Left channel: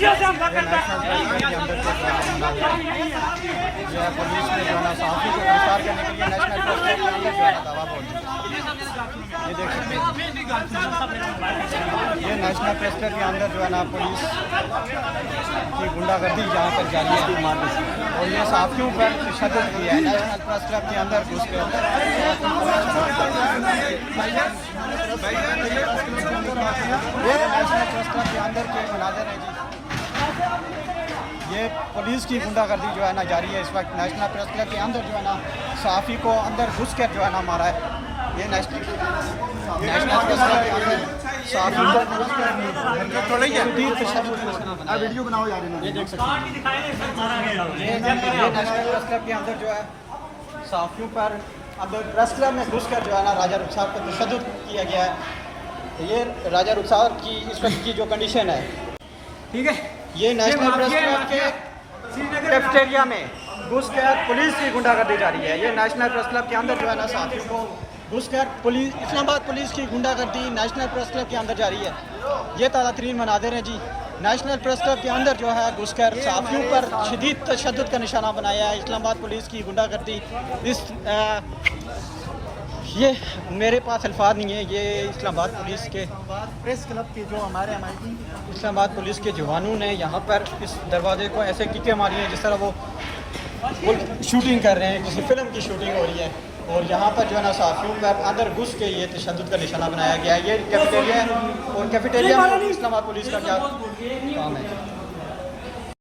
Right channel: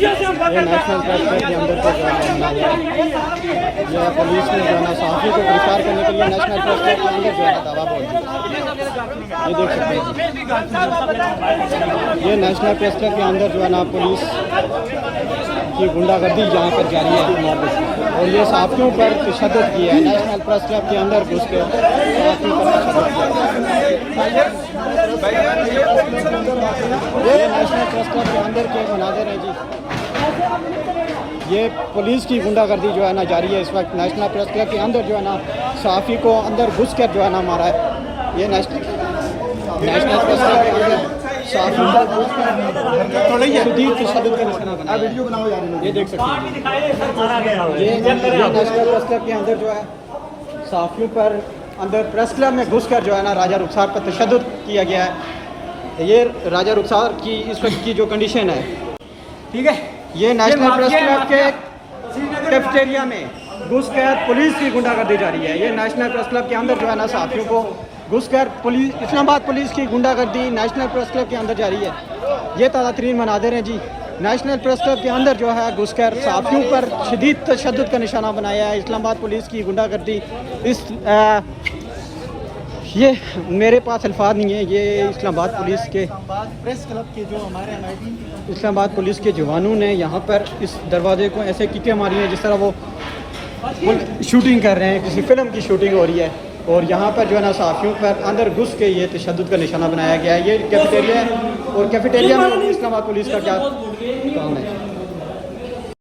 रस्सियों से हमला करता है। पुलिस ने जो है साथी को गिरफ्तार करने के लिए नेशनल प्रेस क्लब के अंदर ये नेशनल प्रेस क्लब के अंदर जो है ना पुलिस की गुंडागर्दी यहाँ पर जारी है और ये साथियों पर तशद्दुद की है। नेशनल प्रेस क्लब के अंदर घुस के ये नेशनल प्रेस क्लब के अंदर के मुनाज़िर है जी। ये पुलिस की गुंडागर्दी जो है ना जारी है इस वक्त नेशनल प्रेस क्लब के अंदर जो है ना सहाफ़ी को अंदर घुस कर जो है ना मारा है। ये नेशनल प्रेस क्लब वीडियो बनाओ यार, ये देख सकते हैं ये नेशनल प्रेस क्लब के अंदर जो है सहाफ़ी पर अंदर प्रेस क्लब में घुस कर जो है ना राजा रुखसार पर तशद्दुद किया गया है। ये राजा रुखसार की इस वक्त की जो कंडीशन है, ठीक है, ये नेशनल प्रेस क्लब के कैफेटेरिया में घुस कर पुलिस की गुंडागर्दी जारी है। ये नेशनल प्रेस क्लब के अंदर जो है ना साथियों को घुस कर पुलिस इस्लामाबाद पुलिस की गुंडागर्दी नेशनल प्रेस क्लब के अंदर जारी है। ये ताज़ा तरीन मनाज़िर हैं जी। नेशनल प्रेस क्लब के अंदर जो है घुस कर साथियों पर शदीद तशद्दुद का निशाना बनाया है इस्लामाबाद पुलिस की गुंडागर्दी। ये मेरे पास अल्फाज नहीं है। ये इस्लामाबाद पुलिस के प्रेस क्लब के जो हमारे इस्लामाबाद पुलिस के जवानों ने यहाँ पर इस दरवाजे को ऐसे किकें मारी हैं जिस तरह वो शूटिंग कर रहे हैं, किसी फिल्म की शूटिंग हो रही है। और यहाँ पर जो है ना साथियों पर अंदर घुस के ये तशद्दुद का निशाना बनाया गया है। ये कैफेटेरिया है और कैफेटेरिया में इस्लामाबाद पुलिस का क्या काम है।